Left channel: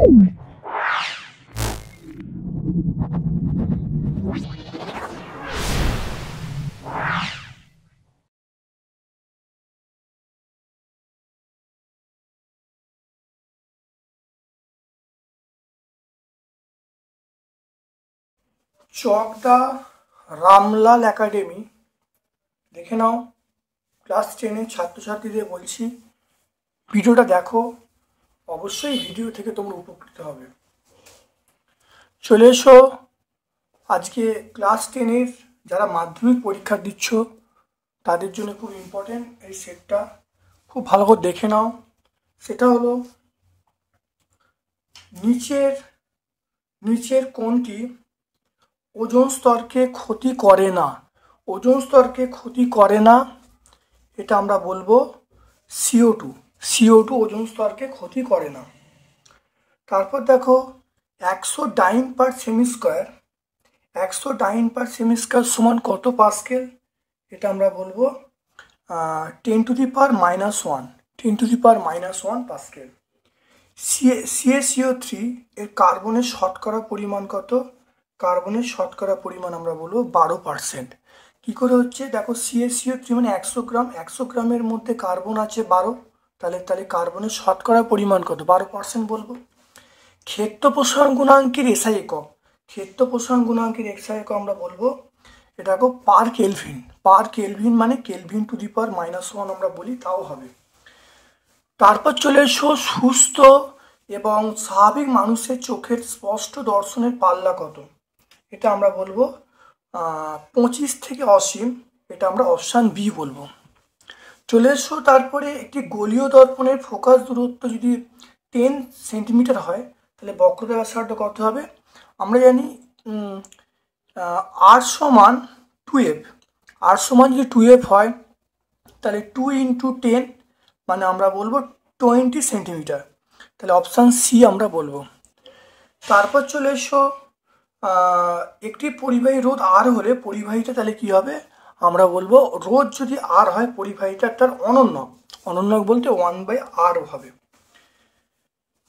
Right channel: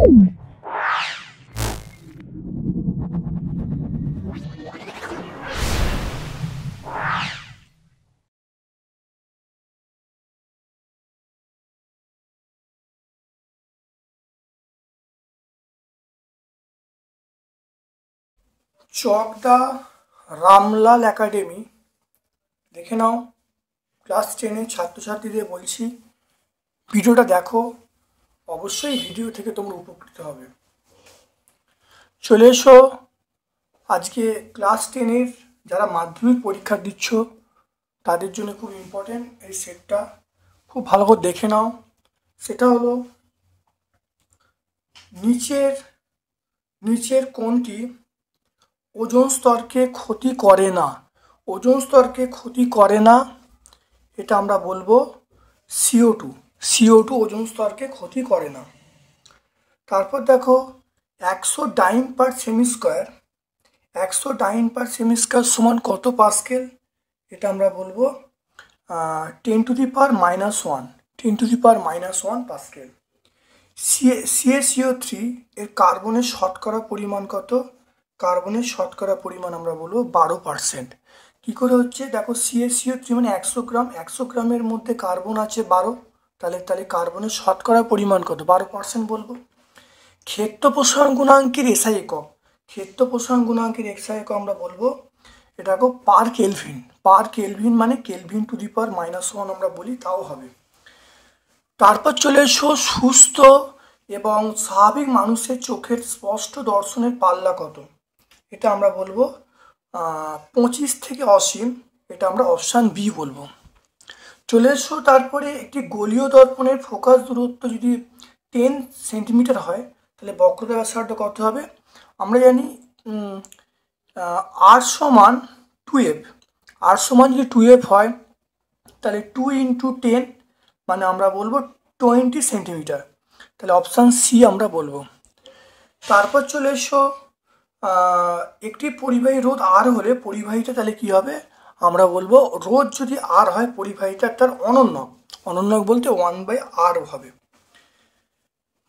চকদা Ramlal academy দেখে নাও। Class 10-এর ছাত্রছাত্রীদের বলছি, ভিডিওটা দেখো, অবশ্যই ভিডিও থেকে তোমরা উপকৃত হবে। চলে এসো, আজকে ক্লাস 10-এর যারা মাধ্যমিক পরীক্ষা দিচ্ছ তাদের জন্য খুব ইম্পর্টেন্ট এই সেটটা, খুব ভালো করে দেখে নাও। সেটা হলো নিচের কোনটি ওজোন স্তরকে ক্ষতি করে না। ওজোন স্তরকে ক্ষতি করে না, এটা আমরা বলবো CO2 ওজোন স্তরকে ক্ষতি করে না। তারপর দেখো 100 ডাইন পার সেমি স্কোয়ার, 100 ডাইন পার সেমি স্কোয়ার সমান কত পাস্কেল? এটা আমরা বলবো 10 to the power -1 pascal. CaCO3 এর কার্বনের শতকরা পরিমাণ কত? কার্বনের শতকরা পরিমাণ আমরা বলবো 12%। কি করে হচ্ছে দেখো, CaCO3 মানে 100 গ্রাম, 100 গ্রামের মধ্যে কার্বন আছে 12, তাহলে কার্বনের শতকরা পরিমাণ কত? 12% বলবো। ক্ষেত্র প্রসারণ গুণাঙ্কের SI একক, ক্ষেত্র প্রসারণ গুণাঙ্কের SI একক আমরা বলবো এটা পার কেলভিন মানে কেলভিন টু দি পাওয়ার -1 আমরা বলি, তাও হবে। তারপর চলে এসো, সুস্থ এবং স্বাভাবিক মানুষের চোখের স্পষ্ট দর্শনের পাল্লা কত? এটা আমরা বলবো 25 থেকে অসীম, এটা আমরা অপশান বি বলবো। চলে এসো, তারপরে একটি গোলীয় দর্পণের ফোকাস দূরত্ব যদি 10 সেন্টিমিটার হয় তাহলে বক্রতা ব্যাসার্ধ কত হবে? আমরা জানি R সমান 2F, R সমান যদি 2F হয় তাহলে 2 × 10 মানে আমরা বলবো 20 সেন্টিমিটার, তাহলে অপশান সি আমরা বলবো। তারপর চলে এসো, একটি পরিবাহী রোধ আর হলে পরিবাহীটা তাহলে কি হবে? আমরা বলবো রোধ যদি আর হয় পরিবাহীটা তার অনন্যক বলতে 1/r হবে।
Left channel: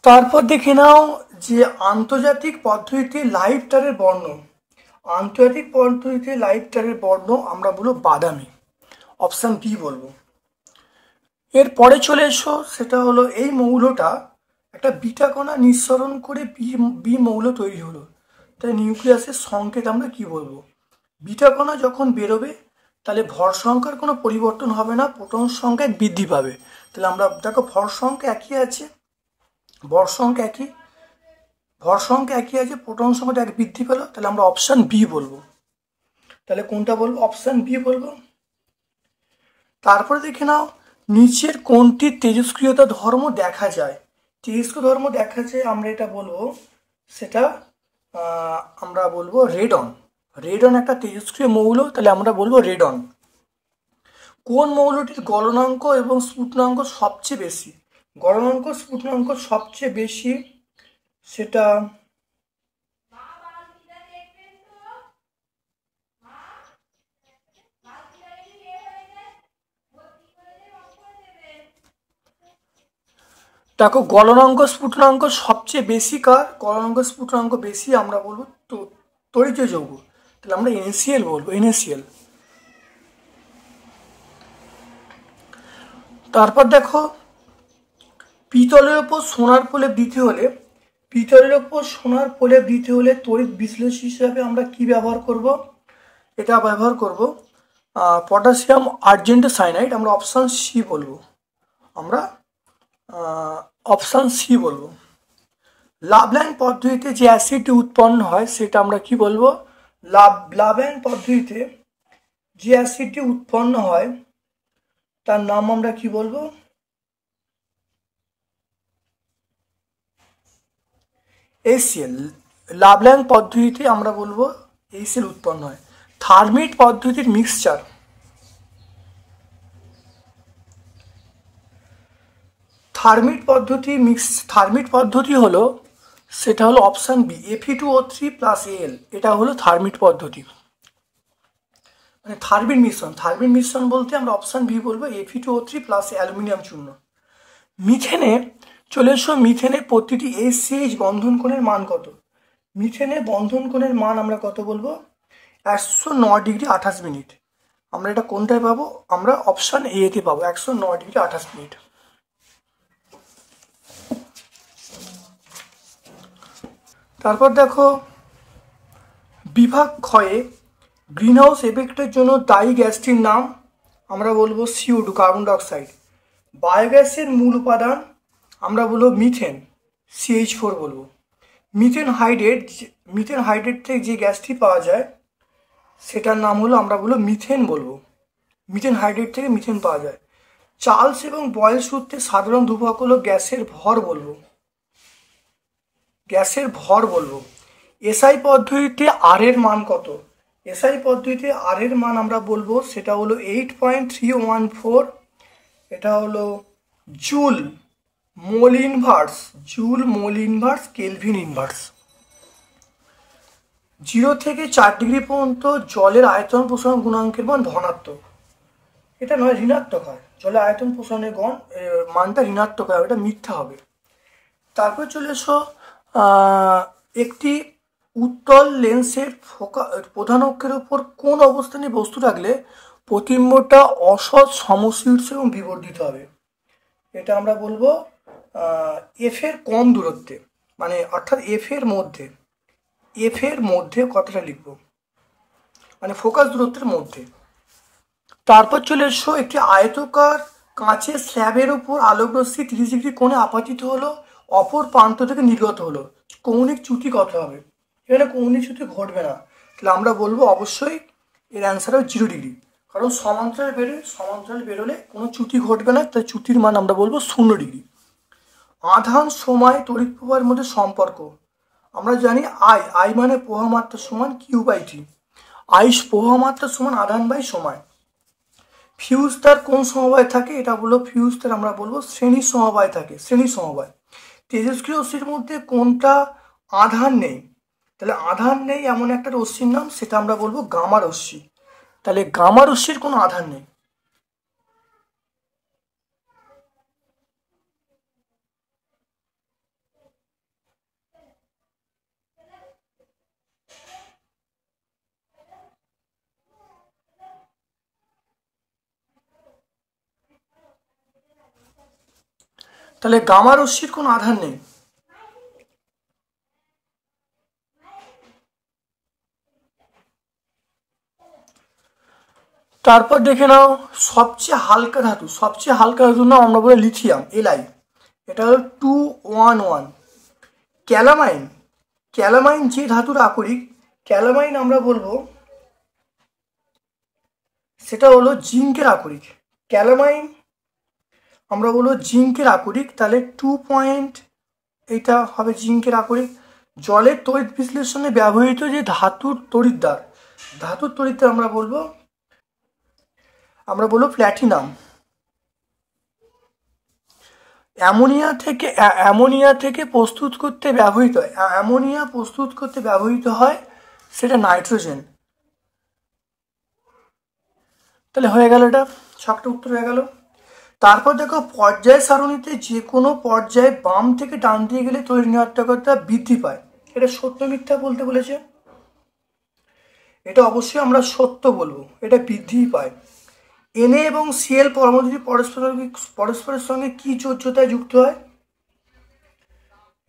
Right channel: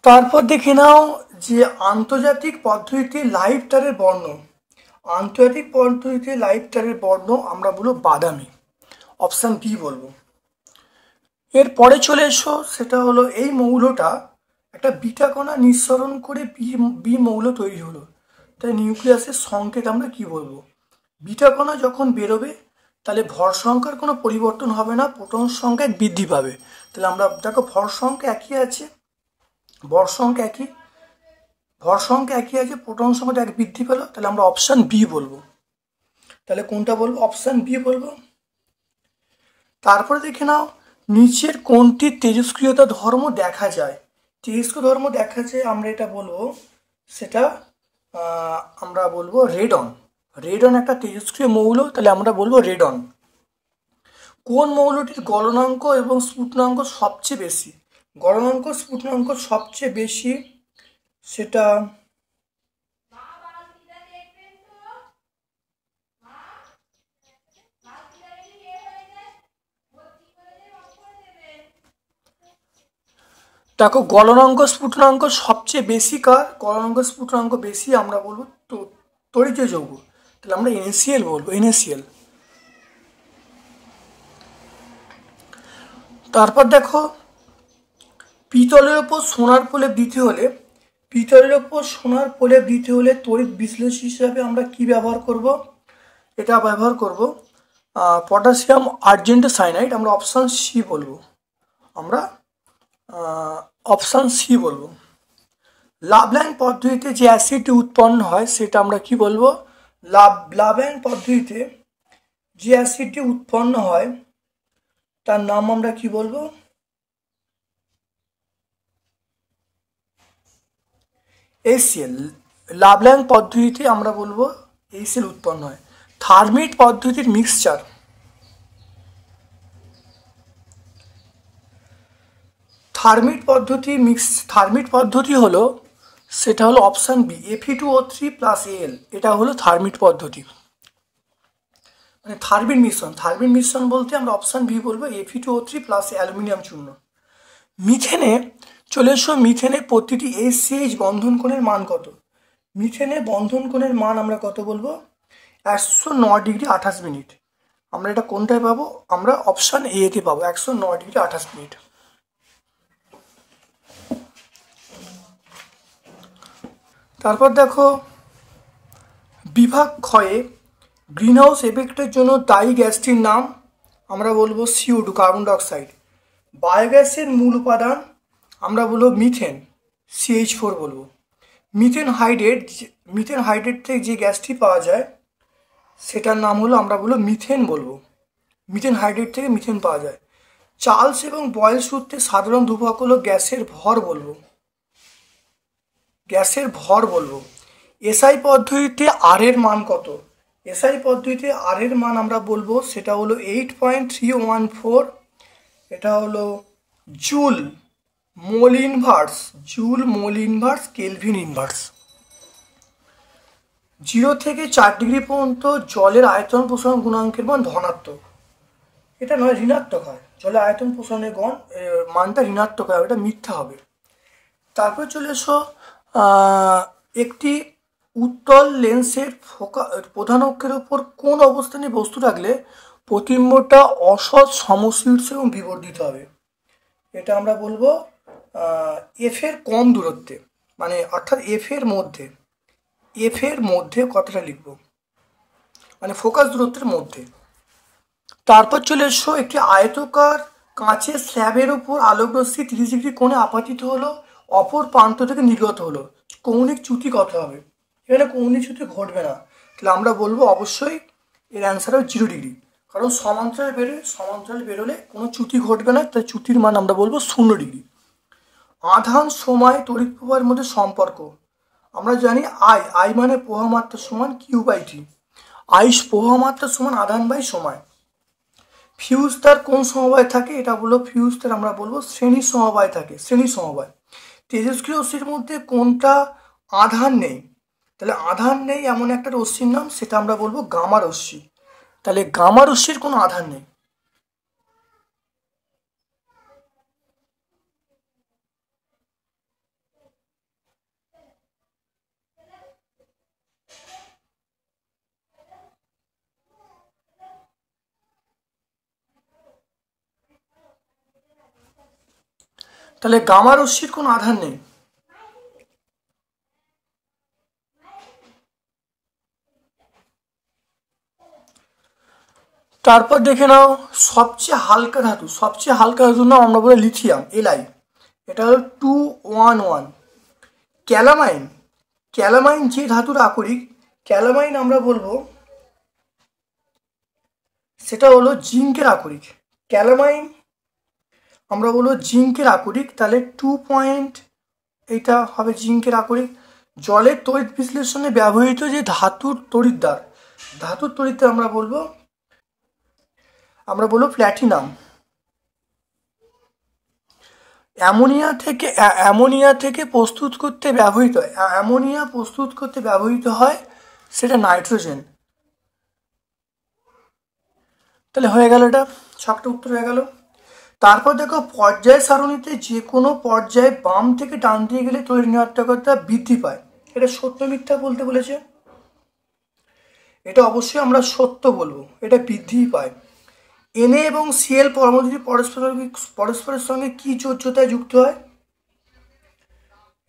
তারপর দেখে নাও যে আন্তর্জাতিক পদ্ধতিতে লাইভ তারের বর্ণ, আন্তর্জাতিক পদ্ধতিতে লাইভ তারের বর্ণ আমরা বলবো বাদামি, অপশান বি বলবো। এরপরে চলে এসো, সেটা হলো এই মৌলটা একটা বিটা কণা নিঃসরণ করে বি মৌল তৈরি হলো, তাই নিউক্লিয়াসের সংকেত আমরা কি বলবো? বিটা কণা যখন বেরোবে তাহলে ভর সংখ্যার কোনো পরিবর্তন হবে না, প্রোটন সংখ্যা বৃদ্ধি পাবে। তাহলে আমরা দেখো ভর সংখ্যা একই আছে, প্রোটন সংখ্যাটা এক বৃদ্ধি পেল, তাহলে আমরা অপশান বি বলবো। তাহলে কোনটা বলবো? অপশান বি বলবো। তারপরে দেখে নাও, নিচের কোনটি তেজস্ক্রিয়তা ধর্ম দেখা যায়? তেজস্ক্রিয় ধর্ম দেখা যায় আমরা এটা বলবো, সেটা আমরা বলবো রেডন। রেডন একটা তেজস্ক্রিয় মৌল, তাহলে আমরা বলবো রেডন। কোন মৌলটির গলনাঙ্ক এবং স্ফুটনাঙ্ক সবচেয়ে বেশি? গলনাঙ্ক স্ফুটনাঙ্ক সবচেয়ে বেশি, সেটা দেখো গলনাঙ্ক স্ফুটনাঙ্ক সবচেয়ে বেশি কার? গলনাঙ্ক স্ফুটনাঙ্ক বেশি আমরা বলবো তড়িৎ যৌগ, তাহলে আমরা NaCl বলবো, NaCl। তারপর দেখো, পিতলের ওপর সোনার প্রলেপ দিতে হলে তড়িৎ বিশ্লেষক হিসাবে আমরা কি ব্যবহার করব? এটা ব্যবহার করব পটাশিয়াম আর্জেন্ট সাইনাইড, আমরা অপশান সি বলবো। লাভল্যাং পদ্ধতিতে যে অ্যাসিডটি উৎপন্ন হয় সেটা আমরা কি বলবো? লাভল্যাং পদ্ধতিতে যে অ্যাসিডটি উৎপন্ন হয় তার নাম আমরা কি বলবো? HCl। লাভল্যাং পদ্ধতিতে আমরা বলবো HCl উৎপন্ন হয়। থার্মিট পদ্ধতির মিক্সচার, থার্মিট পদ্ধতি হলো, সেটা হলো অপশান বি, Fe2O3 + Al, এটা হলো থার্মিট পদ্ধতি, মানে থার্মিট মিশ্রণ বলতে আমরা অপশান বি বলবো, Fe2O3 + অ্যালুমিনিয়াম চূর্ণ। মিথেনে চলে এসো মিথেনের প্রতিটি SCH বন্ধন কোণের মান কত। মিথেনের বন্ধন কোণের মান আমরা কত বলবো, 109°28'। আমরা এটা কোনটায় পাবো, আমরা অপশন এ তে পাবো 109°28'। তারপর দেখো বিভাগ ক্ষয়ে গ্রিনহাউস এফেক্টের জন্য দায়ী গ্যাসটির নাম আমরা বলবো CO2, কার্বন ডাইঅক্সাইড। বায়োগ্যাসের মূল উপাদান আমরা বলবো মিথেন, CH4 বলবো। মিথেন হাইড্রেট থেকে যে গ্যাসটি পাওয়া যায় সেটার নাম হলো আমরা বলবো মিথেন বলবো। মিথেন হাইড্রেট থেকে মিথেন পাওয়া যায়। চার্লস এবং বয়েল সূত্রের সাধারণ ধ্রুবক হলো গ্যাসের ভর বলবো। এসআই পদ্ধতিতে আর এর মান কত। এসআই পদ্ধতিতে আর এর মান আমরা বলবো সেটা হলো 8.314। এটা হলো joule mole inverse kelvin inverse. 0 থেকে 4° পর্যন্ত জলের আয়তন প্রসারণ গুণাঙ্কের মান ধনাত্মক। এটা নয়, ঋণাত্মক হয়। জলের আয়তন প্রসারণের মানটা ঋণাত্মক হয়, এটা মিথ্যা হবে। তারপর চলে এসো একটি উত্তল লেন্সের প্রধান অক্ষের উপর কোন অবস্থানে বস্তু রাখলে প্রতিবিম্বটা অসৎ সমশীর্ষ এবং বিবর্ধিত হবে। এটা আমরা বলবো এফ এর কম দূরত্বে, মানে অর্থাৎ এফ এর মধ্যে কথাটা লিখবো, মানে ফোকাস দূরত্বের মধ্যে। তারপর চলে এসো একটি আয়তকার কাঁচের স্ল্যাবের উপর আলোকরশ্মি 30° কোণে আপতিত হলো, অপর প্রান্ত থেকে নির্গত হলো, কৌণিক চ্যুতি কত হবে। এখানে কৌণিক চ্যুতি ঘটবে না, তাহলে আমরা বলবো অবশ্যই এর অ্যান্সার হবে 0°। কারণ সমান্তরাল বেরোলে কোনো চ্যুতি ঘটবে না, তাই চ্যুতির মান আমরা বলবো 0°। আধান সময় তড়িৎ প্রবাহের মধ্যে সম্পর্ক আমরা জানি আই মানে প্রবাহ মাত্রা সমান Q/T। আই প্রবাহ মাত্রা সমান আধান বাই সময়। ফিউজ তার কোন সমবায় থাকে, এটা বলবো ফিউজ তার আমরা বলবো শ্রেণী সমবায় থাকে, শ্রেণী সমবায়। তেজস্ক্রিয় রশ্মির মধ্যে কোনটা আধান নেই, তাহলে আধান নেই এমন একটা রশ্মির নাম, সেটা আমরা বলবো গামা রশ্মি। তাহলে গামা রশ্মির কোনো আধান নেই। তাহলে গামা রশ্মির কোনো আধান নেই। তারপর দেখে নাও সবচেয়ে হালকা ধাতুর নাম আমরা বলি লিথিয়াম, Li। এটা হলো 211। ক্যালামাইন যে ধাতুর আকরিক, ক্যালামাইন আমরা বলবো সেটা হলো জিঙ্কের আকরিক। ক্যালামাইন আমরা বলবো জিঙ্কের আকরিক, তাহলে 2 এটা হবে জিঙ্কের আকরিক। জলের তড়িৎ বিশ্লেষণে ব্যবহৃত যে ধাতুর তড়িৎদ্বার আমরা বলবো প্ল্যাটিনাম। অ্যামোনিয়া প্রস্তুত করতে ব্যবহৃত হয় সেটা নাইট্রোজেন। তাহলে হয়ে গেল, এটা সবটা উত্তর হয়ে গেল। তারপর দেখো পর্যায় সারণীতে যে কোনো পর্যায়ে বাম থেকে ডান দিয়ে গেলে তড়িৎ ঋণাত্মকতা বৃদ্ধি পায়, এটা সত্য মিথ্যা বলতে বলেছে। এটা অবশ্যই আমরা সত্য বলবো, এটা বৃদ্ধি পায়। Na এবং Cl পরমাণু পরস্পরের সঙ্গে কি যোজ্যতায় যুক্ত হয়,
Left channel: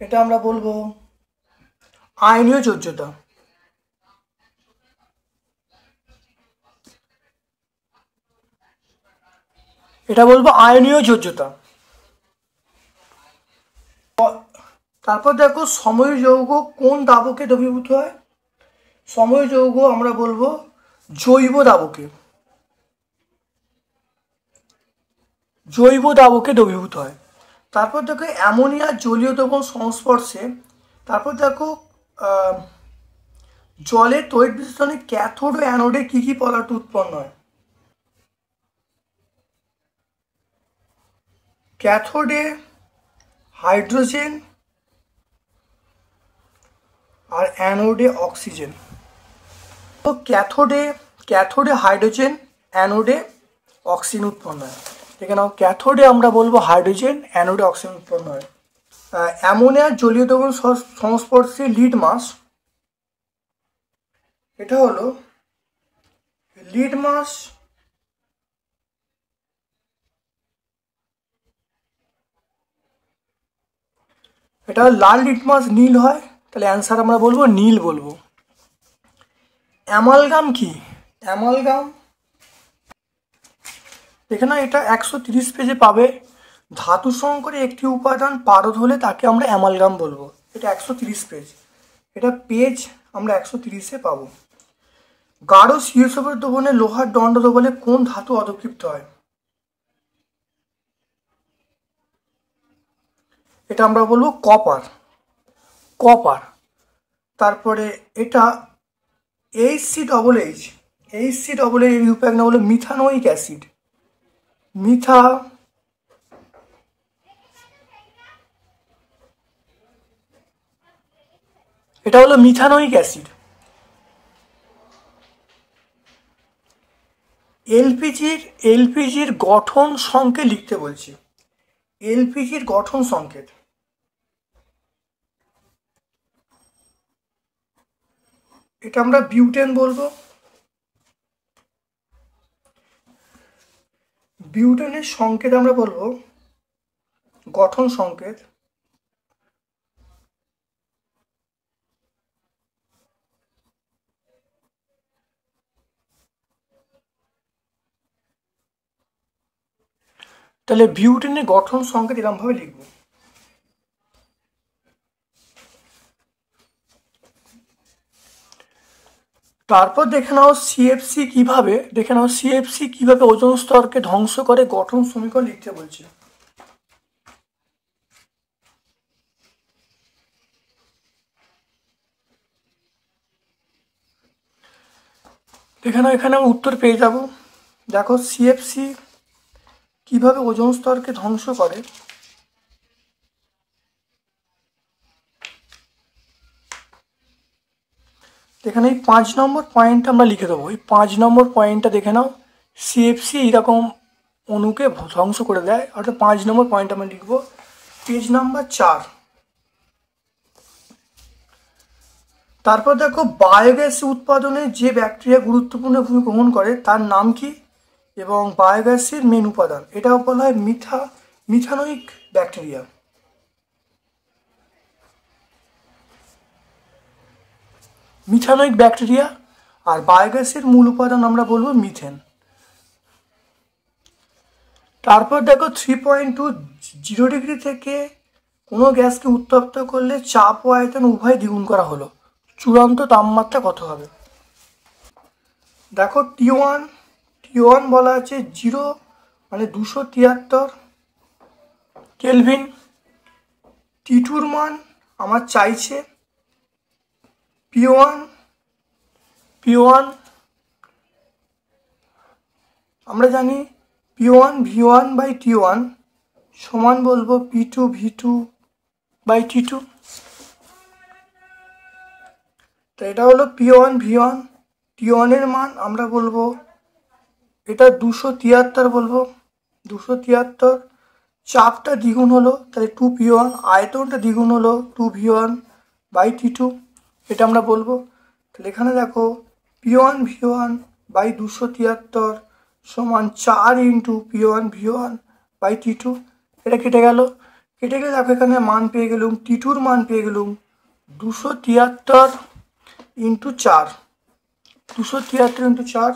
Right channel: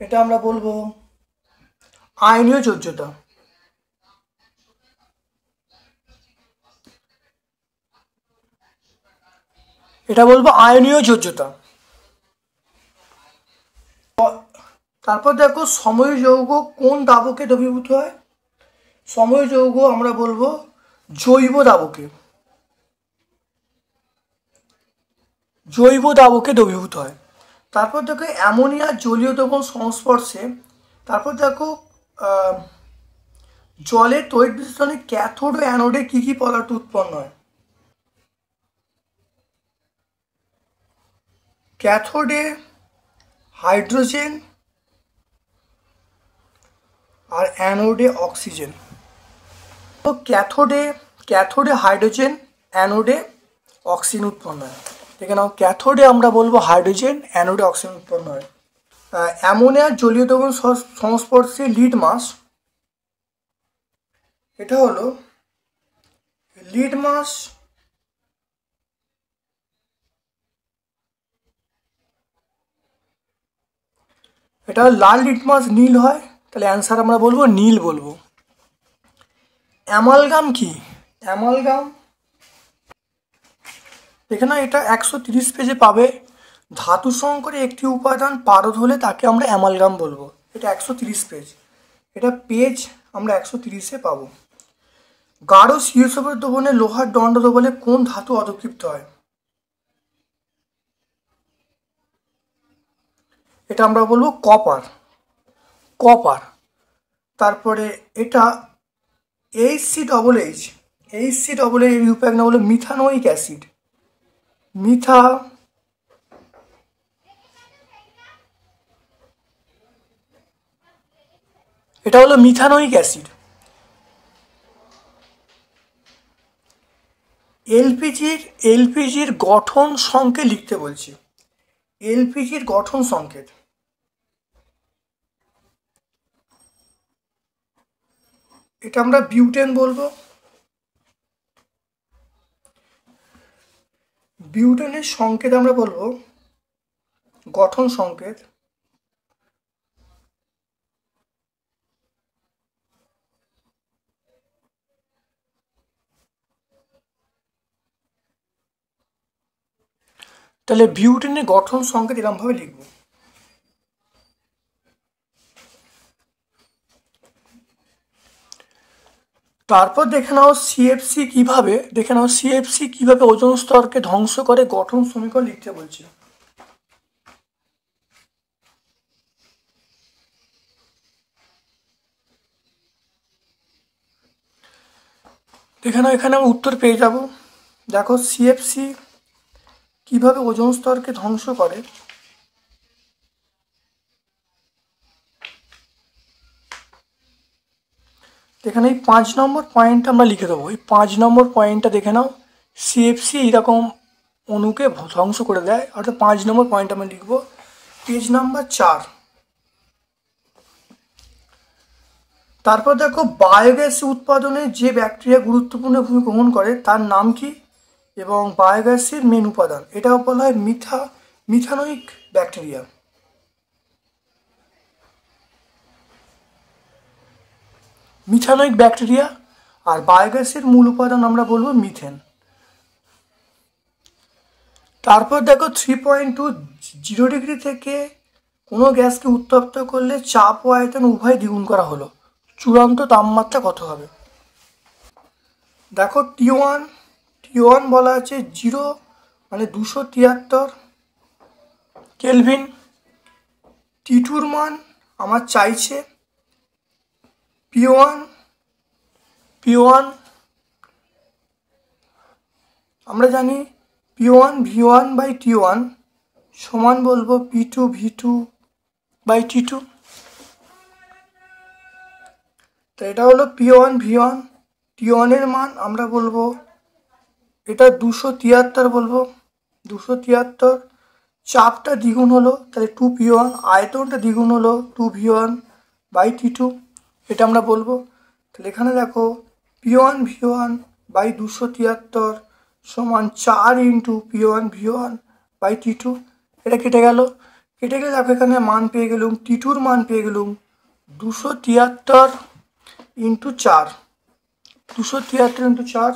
এটা আমরা বলবো আয়নীয় যোজ্যতা। এটা বলবো আয়নীয় যোজ্যতা। তারপর দেখো সময় যৌগ কোন দাবকে দ্রবীভূত হয়। সময় যৌগ আমরা বলবো জৈব দাবকে দ্রবীভূত হয়। তারপর দেখো অ্যামোনিয়া জলীয় দ্রবণ সংস্পর্শে, তারপর দেখো জলের তড়িৎ বিশ্লেষণে ক্যাথোড ও অ্যানোডে কি কি পদার্থ উৎপন্ন হয়। ক্যাথোডে হাইড্রোজেন আর অ্যানোডে অক্সিজেন। তো ক্যাথোডে হাইড্রোজেন, অ্যানোডে অক্সিজেন উৎপন্ন হয়। দেখে নাও, ক্যাথোডে আমরা বলবো হাইড্রোজেন, অ্যানোডে অক্সিজেন উৎপন্ন হয়। অ্যামোনিয়ার জলীয় দ্রবণ সংস্পর্শে লিটমাস, এটা হলো লিটমাস এটা লাল লিটমাস নীল হয়, তাহলে অ্যান্সার আমরা বলবো নীল বলবো। অ্যামালগাম কি? অ্যামালগাম এখানে এটা 130 পেজে পাবে। ধাতু সংকরে একটি উপাদান পারদ হলে তাকে আমরা অ্যামালগাম বলবো। এটা 130 পেজ, এটা পেজ আমরা 130-এ পাবো। গাঢ় শিরসভর দ্রবণে লোহার দণ্ড দ্রবণে কোন ধাতু অধক্ষিপ্ত হয়? এটা আমরা বলবো কপার, কপার। তারপরে এটা HCHH, HCHH এর রূপক নাম হলো মিথানোইক অ্যাসিড, এটা হলো মিথানোইক অ্যাসিড। এলপিজির গঠন সংকেত লিখতে বলছি, এলপিজির গঠন সংকেত। এটা আমরা বিউটেন বলবো। বিউটেনের সংকেত আমরা বলবো গঠন সংকেত। তাহলে বিউটেনের গঠন সংকেত এরকম ভাবে লিখবো। তারপর দেখে নাও সিএফসি কিভাবে, ওজোন স্তরকে ধ্বংস করে, গঠন সমীকরণ লিখতে বলছি। দেখে নাও এখানে আমি উত্তর পেয়ে যাব। দেখো সিএফসি কিভাবে ওজোন স্তরকে ধ্বংস করে। এখানে এই 5 নম্বর পয়েন্ট আমরা লিখে দেবো। এই 5 নম্বর পয়েন্টটা দেখে নাও, সিএফসি এইরকম অণুকে ধ্বংস করে দেয়, অর্থাৎ 5 নম্বর পয়েন্ট আমরা লিখবো। Page number 4। তারপর দেখো বায়োগ্যাস উৎপাদনে যে ব্যাকটেরিয়া গুরুত্বপূর্ণ ভূমিকা গ্রহণ করে তার নাম কি, এবং বায়োগ্যাসের মেন উপাদান, এটা বলা হয় মিথানোইক ব্যাকটেরিয়া। Methanoic bacteria. আর বায়োগ্যাসের মূল উপাদান আমরা বলবো মিথেন। তারপর দেখো 3.20 ডিগ্রি থেকে কোনো গ্যাসকে উত্তপ্ত করলে চাপ ও আয়তন উভয় দ্বিগুণ করা হলো, চূড়ান্ত তাপমাত্রা কত হবে? দেখো T1 বলা আছে 0 মানে 273 কেলভিন। T2-র মান আমার চাইছে P1 আমরা জানি P1 V1/T1 সমান বলবো P2 V2/T2। তো এটা হলো P1 V1। T1 এর মান আমরা বলবো এটা 273 বলবো, 273। চাপটা দ্বিগুণ হলো তাহলে 2P1, আয়তনটা দ্বিগুণ হলো 2V1/T2, এটা আমরা বলবো। তাহলে এখানে দেখো P1 V1/273 সমান 4 × P1 V1/T2। এটা কেটে গেলে দেখো এখানে মান পেয়ে গেলুম, T2-র মান পেয়ে গেলুম 273 × 4, 273 × 4।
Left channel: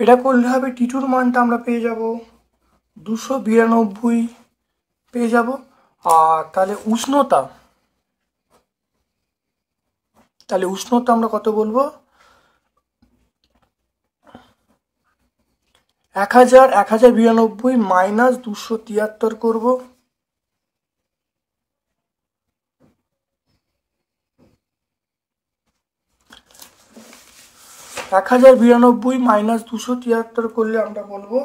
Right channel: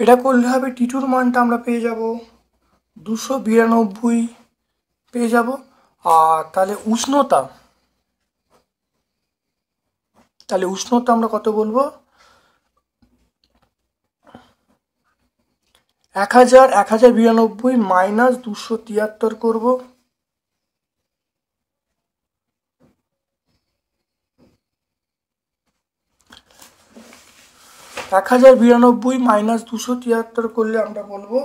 এটা করলে হবে T2-র মানটা আমরা পেয়ে যাব 292 পেয়ে যাব। আর তাহলে উষ্ণতা আমরা কত বলবো? 1092 মাইনাস 273 করব। 1092 মাইনাস 273 করলে আমরা বলবো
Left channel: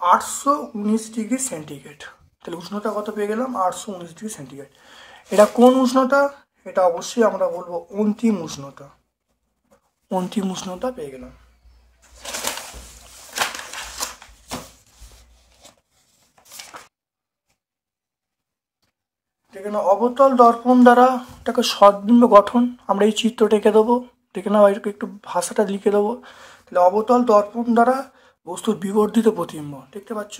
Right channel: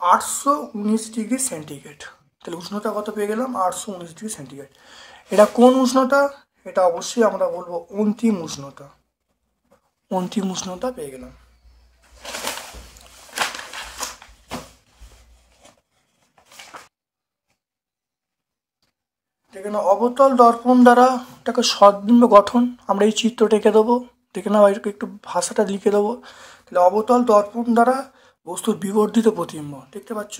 819 ডিগ্রি সেন্টিগ্রেড। তাহলে উষ্ণতা কত পেয়ে গেলাম? 819 ডিগ্রি সেন্টিগ্রেড। এটা কোন উষ্ণতা? এটা অবশ্যই আমরা বলবো অন্তিম উষ্ণতা। অন্তিম উষ্ণতা পেয়ে গেলাম। দেখে নাও অবতল দর্পণ দ্বারা এটাকে সদ্বিম্ব গঠন, আমরা এই চিত্রটা এঁকে দেবো। দেখে নাও একটু ভাষাটা লিখে দেবো। তাহলে অবতল দর্পণ দ্বারা বস্তুর বিবর্ধিত প্রতিবিম্ব দেখতে পাচ্ছ।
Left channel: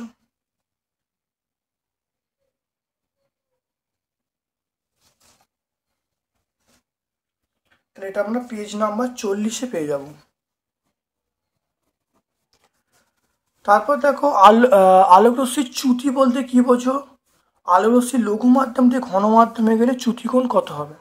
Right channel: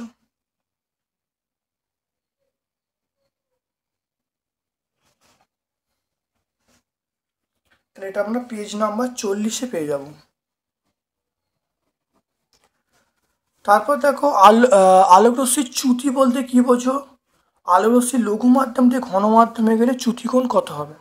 তাহলে এটা আমরা পেজ নাম্বার 40-এ পেয়ে যাব। তারপর দেখো আলোকরশ্মির চ্যুতি বলতে কি বোঝো? আলোকরশ্মির লঘু মাধ্যম থেকে ঘন মাধ্যমে গেলে চ্যুতিকোণ কত হবে?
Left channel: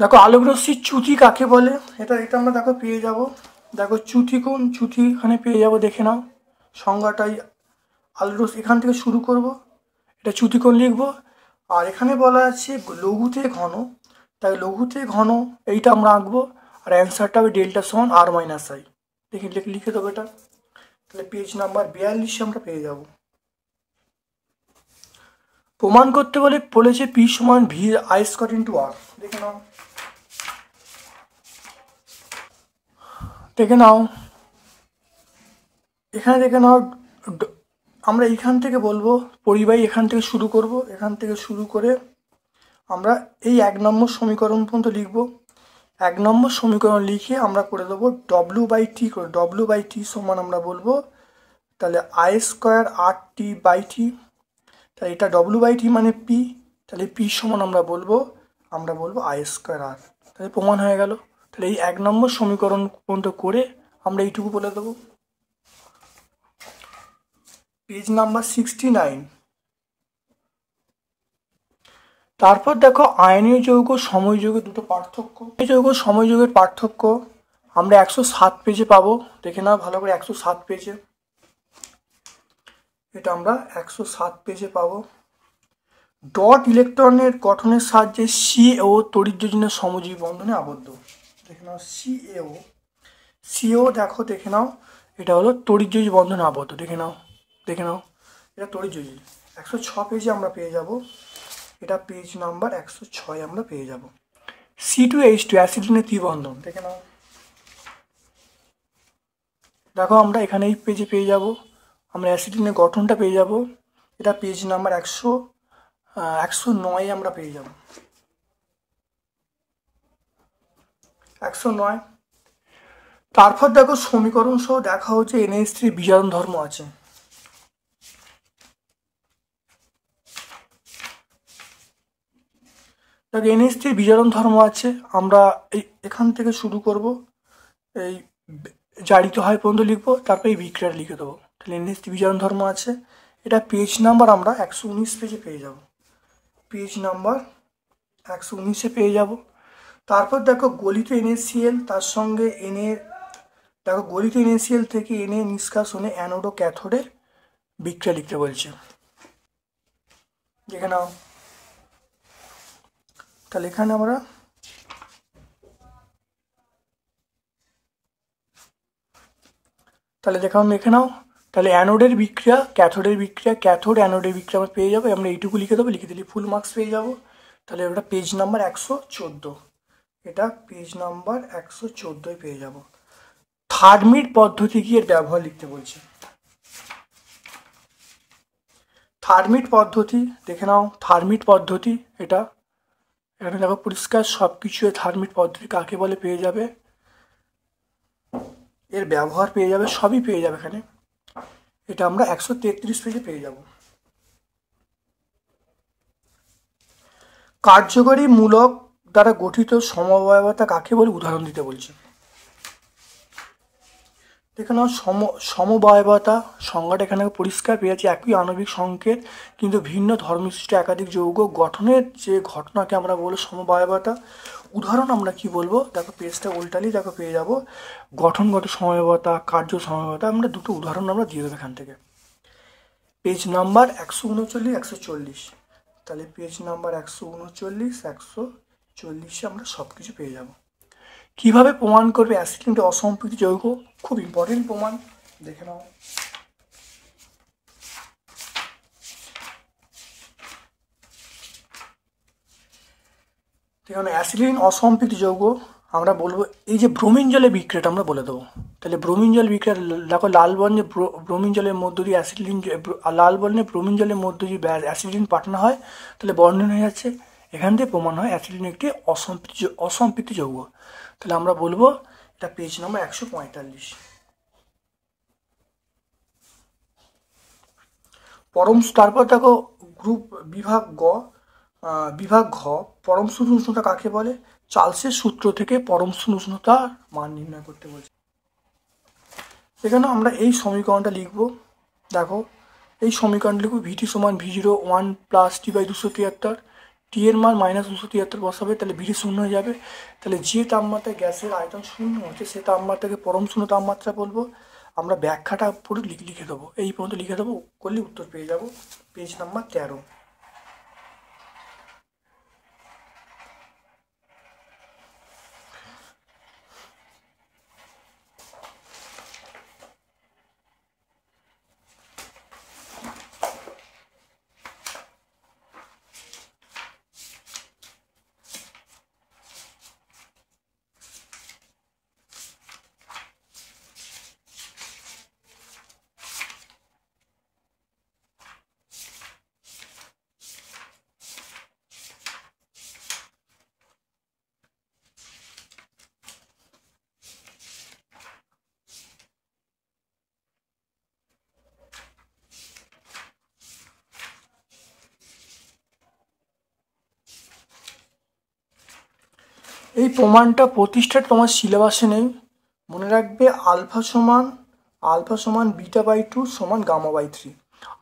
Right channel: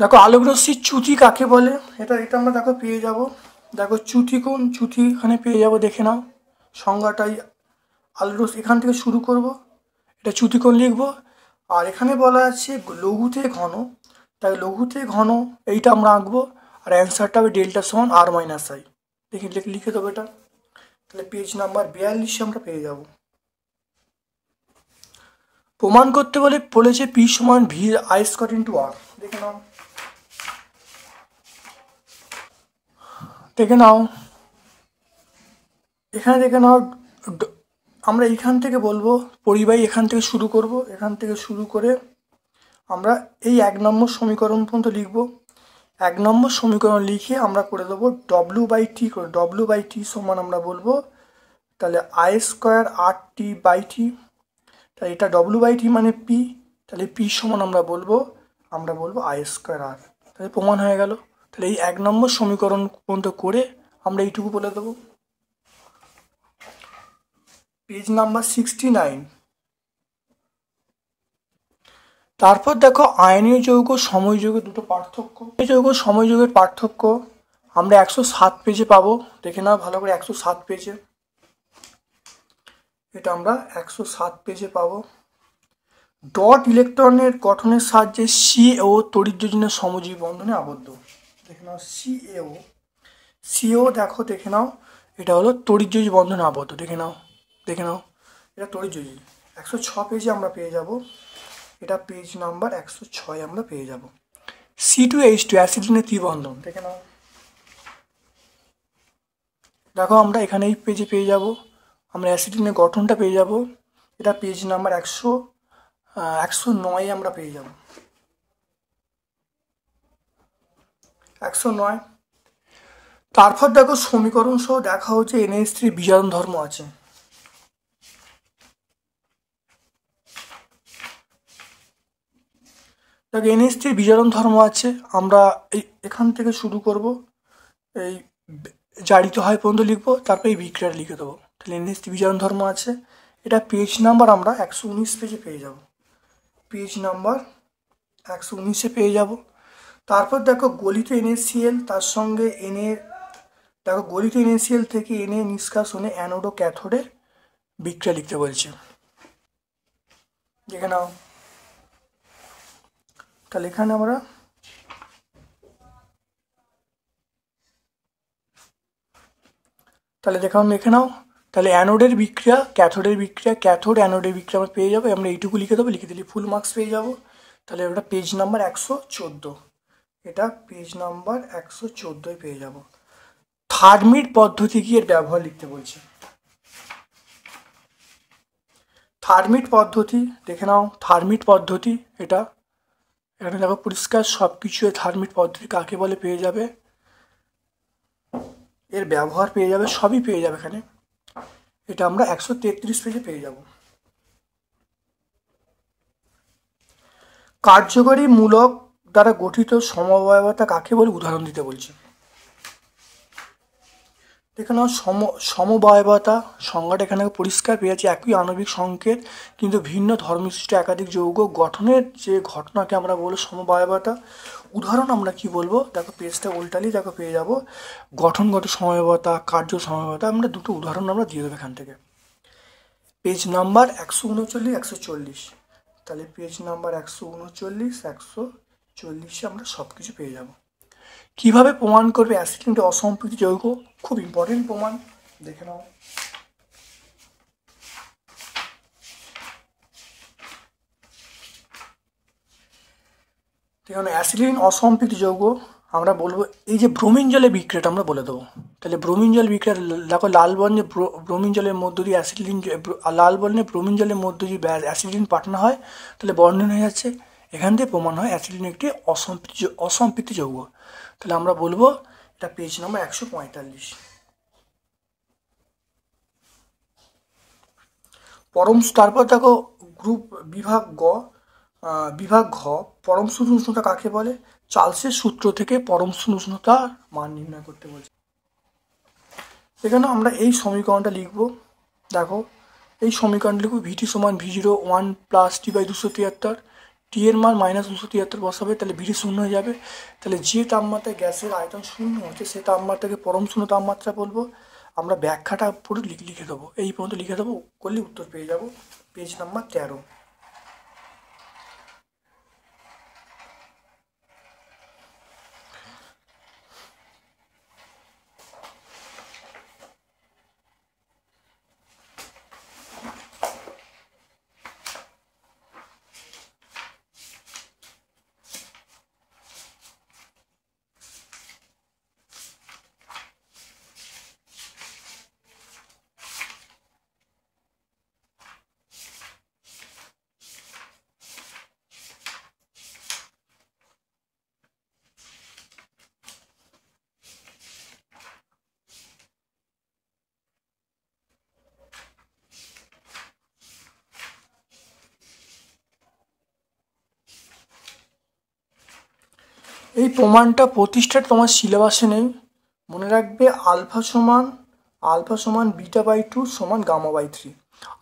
দেখো আলোকরশ্মির চ্যুতি কাকে বলে, এটা আমরা দেখো পেয়ে যাব। দেখো চ্যুতিকোণ, চ্যুতি এখানে পেয়ে যাব, দেখে নাও সংজ্ঞাটাই। আলোকরশ্মি এখান থেকে শুরু করব, এটা চ্যুতিকোণ লিখবো। আর এখানে বলা আছে লঘু থেকে ঘন, তাই লঘু থেকে ঘন এইটা আমরা আঁকবো। আর অ্যান্সারটা হবে ডেল্টা সমান আর মাইনাস আই। লিখে দেবো এটা। তাহলে পেজ নাম্বার 42 আমরা পেয়ে যাব। প্রমাণ করতে বলেছে পি সমান ভি আই স্কয়ার ইন্টু আর। দেখে নাও এখানে দেখে নাও আমরা এখান থেকে বলবো পরিবাহী, এখান থেকে শুরু করব, এখান থেকে শুরু করে আমরা এই 1 নম্বর সমীকরণ পর্যন্ত লিখব। 1 নম্বর সমীকরণ লিখে আমরা করে দেবো ডব্লিউ বাই টি করে। ডব্লিউ বাই টি সমান আমরা বলবো তাহলে I square R T by T. তাহলে এটা ডব্লিউ বাই টি মানে পি, তাহলে পি সমান আমরা বলবো আই স্কোয়ার আর। তাহলে প্রমাণ হয়ে গেল। তাহলে এই 1 নম্বর সমীকরণ পর্যন্ত করে আমরা এইটুকু বলে দেবো। Page number 69। তারপর দেখো আয়নীয় যৌগ সময় যৌগের দুটো পার্থক্য। যৌগ সময় যৌগের পার্থক্য আমরা 107 পেজে পাবো। দেখে নাও ভালো করে 107 পেজে, এটা আমরা 107 পেজে পাবো। ডট ইলেকট্রনের গঠনের সাহায্যে সিএও তড়িৎযোজনের সমজীবী বন্ধনে আবদ্ধ। দেখে নাও সিএও দেখে নাও এটা হলো তড়িৎযোজী বন্ধনে আবদ্ধ। দেখে নাও এটা তড়িৎযোজী। 106 পেজে আমরা পেয়ে যাব। এটা পেজ নাম্বার 106 আমরা পেয়ে যাব। C2H2 অ্যাসিটিনের ত্রিবন্ধন। দেখে নাও, দেখো আমরা এখানে এই পেজে পেয়ে যাব, আমরা অ্যাসিটিনের গঠনটা পেয়ে যাব। এটা পেজ নাম্বার 109 আমরা পেয়ে যাব। 109। তারপর দেখো সমীকরণ সহ দেখা হচ্ছে NH3 বিজারণ ধর্ম আছে। দেখো NH3 বিজারণ ধর্ম আছে, আমরা এখান থেকে শুরু করব, এই জারিত হয় পর্যন্ত লিখবো, তারপর এই বিক্রিয়া লিখে দেবো। তাহলে NH3 বিজারণ ধর্ম আছে। এটা পেজ নাম্বার আমরা 119 পেজে পেয়ে যাব। পেজ নাম্বার 119-এ পেয়ে যাব। তারপর দেখো গলিত NaCl তার সঙ্গে গলিত NaCl থেকে Na নিষ্কাশনে অ্যানোড ও ক্যাথোডের বিক্রিয়া লিখতে বলছে। দেখে নাও, তাহলে এখানে আমরা লিখে নাও। তাহলে অ্যানোডের বিক্রিয়া, ক্যাথোডের বিক্রিয়া, ক্যাথোড অ্যানোডের বিক্রিয়া আমরা পেয়ে যাবো। আমরা এইটুকু লিখে দেবো, লিখে দিলে ফুল মার্কস পেয়ে যাবো। তাহলে ওটা পেজ নাম্বার 114, এটা পেজ নাম্বার 114 পেয়ে যাব। থার্মিট পদ্ধতি কি এর ব্যবহার লিখতে বলছে। থার্মিট পদ্ধতি দেখে নাও, থার্মিট পদ্ধতি এটা এখানে দেখো পরিষ্কার সব কিছু। থার্মিট পদ্ধতি কাকে বলে পেয়ে যাবে, এর ব্যবহার পেয়ে যাবে, সবই পেয়ে যাবে এখানে। এটা আমরা 133 পেজে পেয়ে যাব। কার্যকরী মূলক দ্বারা গঠিত সমবায়বতা কাকে বলে উদাহরণ দিতে বলছে। দেখে নাও সমবায়বতা সংজ্ঞাটা এখানে পরিষ্কার পেয়েছে, একই আণবিক সংকেত কিন্তু ভিন্ন ধর্মবিশিষ্ট একাধিক যৌগ গঠনের যে ঘটনাকে আমরা বলবো সমবায়বতা। উদাহরণ আমরা কি বলবো, দেখো পেজটা উল্টালি, দেখো পেয়ে যাবো গঠনগত সমবায়বতা, কার্য সমবায়বতা। আমরা দুটো উদাহরণ আমরা দিয়ে দেবো এখান থেকে। পেজ নাম্বার 139 140, তাহলে পেজ নাম্বার 139 140 আমরা সব কিছু পেয়ে যাব। কিভাবে প্রমাণ করবে অ্যাসিড অসম্পৃক্ত যৌগ, খুব ইম্পর্টেন্ট প্রমাণ, দেখে নাও। দেখুন অ্যাসিডিন অসম্পৃক্ত যৌগ আমরা বলবো এই যে ব্রোমিন জলে বিক্রিয়াটা আমরা বলে দেবো। তাহলে ব্রোমিন জল বিক্রিয়া, দেখো লাল বর্ণে ব্রোমিন জলের মধ্য দিয়ে অ্যাসিডিন, লাল বর্ণে ব্রোমিন জলের মধ্য দিয়ে অ্যাসিডিন পাঠানো হয়, তাহলে বর্ণন হয়ে যাচ্ছে। এখান দিয়ে প্রমাণ হয় অ্যাসিডিন একটি অসম্পৃক্ত যৌগ। তাহলে আমরা বলবো এটা পেজ নাম্বার 145। তারপর দেখো গ্রুপ বিভাগ ঘ পরম স্থূল উষ্ণতা কাকে বলে, চার্লসের সূত্র থেকে পরম স্থূল উষ্ণতার মান নির্ণয় করতে বলছে। এখানে আমরা এই সমীকরণটা লিখবো, দেখো এই সমীকরণটা লিখবো ভিটি সমান V0 1 প্লাস T/273, টি এর মান -273 বসাবে, তাহলে ভিটি শূন্য হয়ে যাবে। তাহলে যে তাপমাত্রায় গ্যাসের আয়তন শূন্য হচ্ছে সে তাপমাত্রাকে পরম শূন্য তাপমাত্রা বলবো। আমরা ব্যাখ্যাটা পুরো লিখে দেবো, এই পর্যন্ত লিখে দেবো, করলে উত্তর পেয়ে যাবো পেজ নাম্বার 13। এই প্রমাণটা প্রতিষ্ঠা তোমার সিলেবাসে নেই, মনে রাখবে আলফা সমান β/2 সমান γ/3।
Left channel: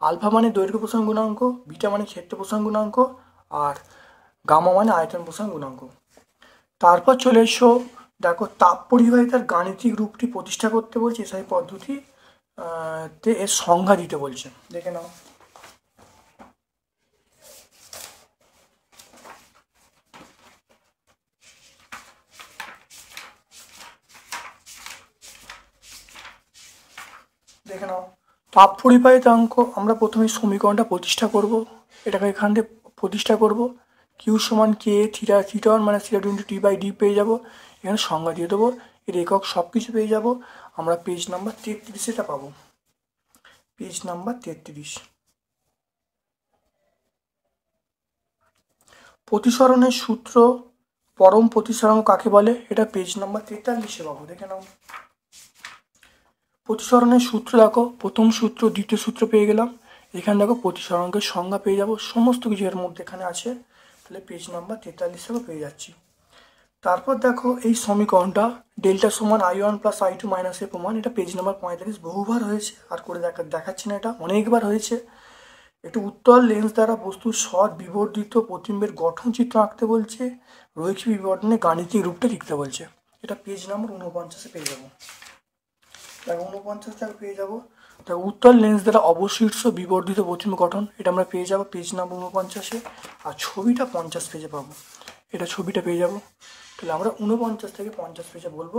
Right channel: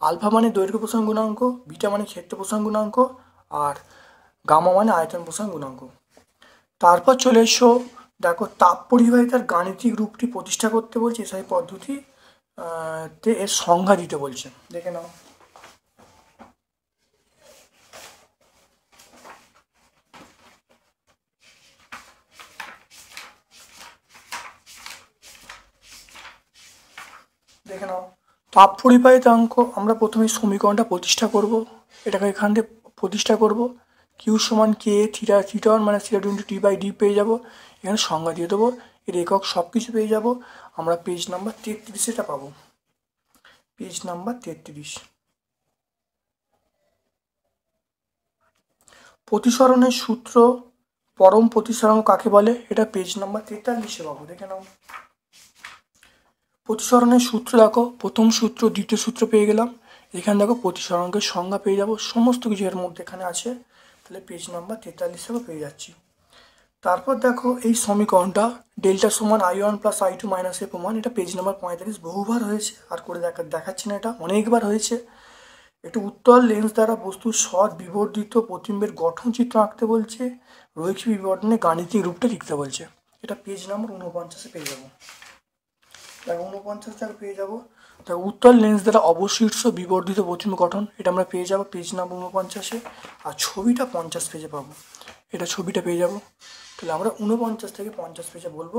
আলফা মানে দৈর্ঘ্য প্রসারণ গুণাঙ্ক, বিটা মানে ক্ষেত্র প্রসারণ গুণাঙ্ক, আর গামা মানে আয়তন প্রসারণ গুণাঙ্ক। তারপর চলে এসো, দেখো তাপ পরিবাহিতার গাণিতিক রূপটি প্রতিষ্ঠা করতে বলছে, এসআই পদ্ধতি তে এর সংজ্ঞা দিতে বলছে, দেখে নাও। দেখে নাও তাপ পরিবাহিতাঙ্ক আমরা প্রথমে সমীকরণটা প্রতিষ্ঠা করব, এটাকে এখান থেকে প্রতিষ্ঠা করব, কিউ সমান কে থিটা1 মানে থিটা2 ইন্টু টি/ডি পেয়ে যাবো। এখানে সংজ্ঞা দিয়ে দেবো, এর একক সব কিছু পেয়ে যাবো। আমরা পেজ নাম্বার 33 এটা পাবো, পেজ নাম্বার 33। প্রতিসরণের সূত্র পরম প্রতিসরণ কাকে বলে, এটা পেজ নাম্বার 43 পাবো, দেখে নাও। প্রতিসরণের সূত্র দেখো, প্রথম সূত্র দ্বিতীয় সূত্র পেয়ে গেলাম। এখানে দেখো প্রতিসরণের সংজ্ঞা পেয়ে যাবো, সমস্ত কিছু এর মধ্যে এখানে আছে, তাহলে পেজ নাম্বার 43 পেয়ে যাচ্ছি। তারপর দেখো এই সমীকরণটা ডেল্টা সমান I1 প্লাস I2 মাইনাস এ প্রমাণ, এটা পেজ নাম্বার 45 বহুবার হয়েছে, আর করে দেখাচ্ছি না, এটা অনেকবার হয়েছে। একটু উত্তল লেন্স দ্বারা বস্তুর সৎ বিবর্ধিত প্রতিবিম্বের গঠন চিত্র আঁকতে বলছে, রৈখিক বিবর্তনে গাণিতিক রূপটা লিখতে বলছে, এটা পেজ নাম্বার 49 পেয়ে যাবো, 49 পেয়ে যাবো। তা উত্তল লেন্স দ্বারা অবশীর্ষ বিবর্ধিত প্রতিবিম্ব গঠন, এটা আমরা পেয়ে যাবো পেজ নাম্বার 49। আর ছবিটা 50 পেজে পাবো, এটা ছবিটা পেয়ে যাবো। তাহলে আমরা 49 থেকে 50 পেজে বলবো,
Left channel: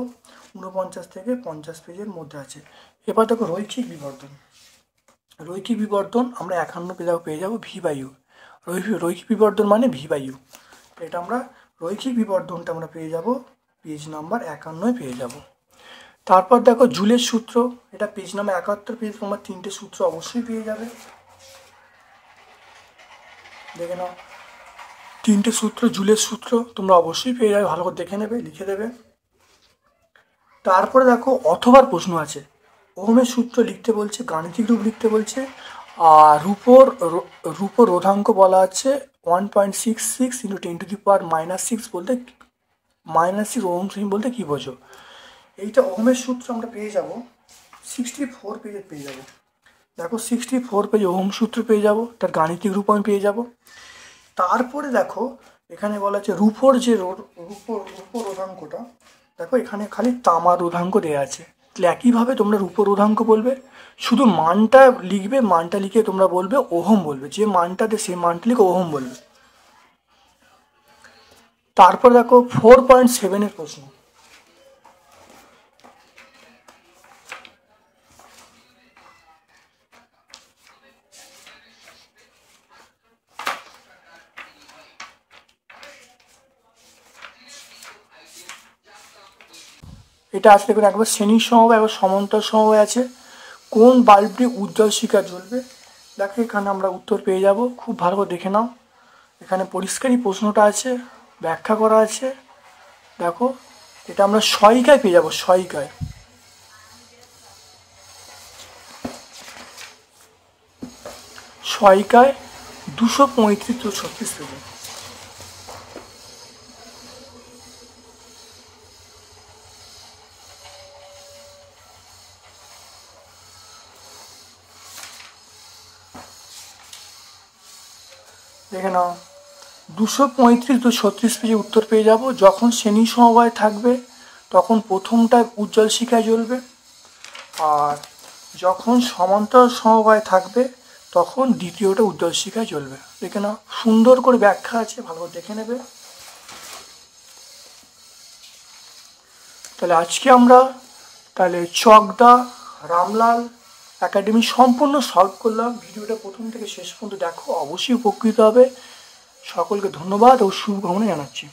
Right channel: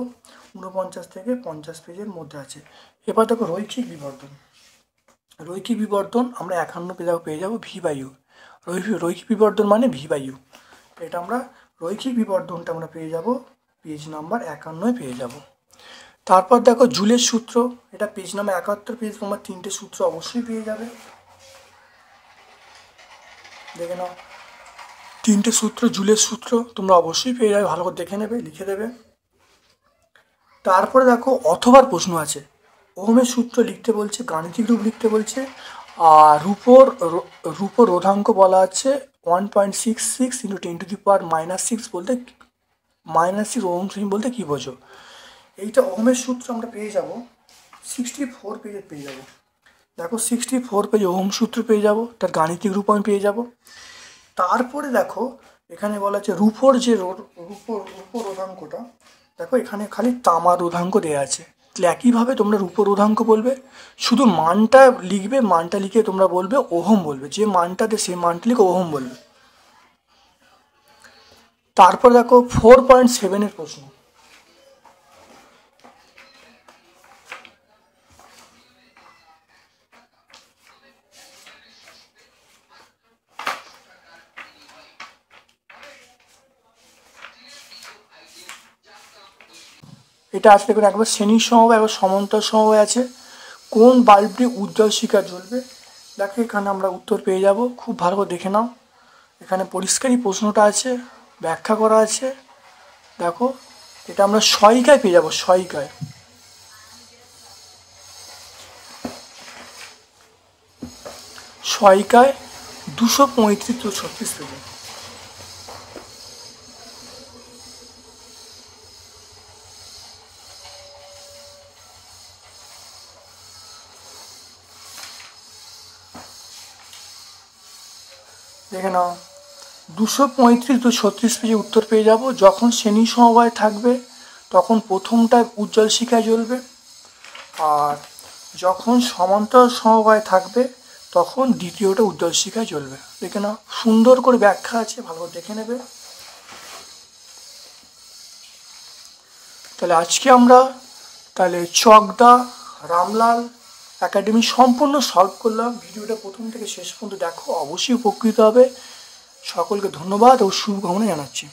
49 থেকে 50 পেজের মধ্যে আছে। এবার দেখো রৈখিক বিবর্তন আমরা 51 পেজে পেয়ে যাবো V/U। রৈখিক বিবর্তন মানে V/U, এটা আমরা রৈখিক বিবর্তনটা আমরা পেয়ে যাবো পেজ নাম্বার 51 পেয়ে যাবো। তারপর দেখো জুলের সূত্র, এটা পেজ নাম্বার 71 পেজ, তোমার তিনটে সূত্র অবশ্যই পেয়ে যাবে, দেখে নাও। তিনটে সূত্র জুলের সূত্র তোমরা অবশ্যই পেয়ে যাবে, ভালো করে দেখে নেবে, লিখে দেবে। তারপরে দেখো অথবার প্রশ্ন আছে, ওহমের সূত্র লিখতে বলছে, গাণিতিক রূপ লিখতে বলছে, আর রূপর রোধাঙ্ক বলা আছে 1.66 × 10⁻⁻6 বলতে -6 ওহম বলতে কি বোঝো। এইটা ওহমের সূত্র আমরা পেয়ে যাব 64 পেজে পেয়ে যাবো। দেখো 64 পেজে ওহম সূত্র পেয়ে যাব, তার গাণিতিক রূপায়ণ পেয়ে যাব। তারপরে দেখো এখানে বলা আছে রূপোর যে রূপো রোধাঙ্কটা, দেখো এখানে খালি তামার রোধাঙ্ক দেওয়া আছে। একইভাবে তোমরা রূপো রোধাঙ্ক বলবে, শুধু মানটা লিখবে, মানটা লিখে তোমরা বলবে ওহম বলবে, যে মানটাতে সেই মানটা লিখে ওহম বলবে। তারপর দেখো 4.7 এর প্রশ্ন। এটা আসলে করে একবার শ্রেণীর সমবায়, একবার সমান্তর সমবায় আছে। কোন বাল্বটি উজ্জ্বল শিখা জ্বলবে? দেখো এখানে আমরা উত্তর পেয়ে যাব, খুব ভালো করে দেখে নাও। এখানে পরিষ্কারই প্রশ্নটা আছে, ব্যাখ্যা করা আছে। দেখো এটা আমরা সহায়িকায় পেয়ে যাব, সহায়িকায়। সহায়িকায় 235-36 পেজে। দেখে নাও 235-36 পেজে উত্তর পেয়ে যাব। যখন শ্রেণী সমবায় থাকবে তখন প্রথমটা উজ্জ্বল শিখায় জ্বলবে, আর যখন সমান্তর সমবায় থাকবে তখন দ্বিতীয়টা উজ্জ্বল শিখায় জ্বলবে। দেখে নাও, সুন্দর করে ব্যাখ্যা আছে, ভালো করে দেখে নেবে। তাহলে আজকে আমরা চকদা রামলাল একাডেমি সম্পূর্ণ সলভ করলাম। ভিডিওটা প্রথম থেকে শেষ পর্যন্ত দেখো, অবশ্যই উপকৃত হবে। সকলকে ধন্যবাদ ও শুভকামনা জানাচ্ছি।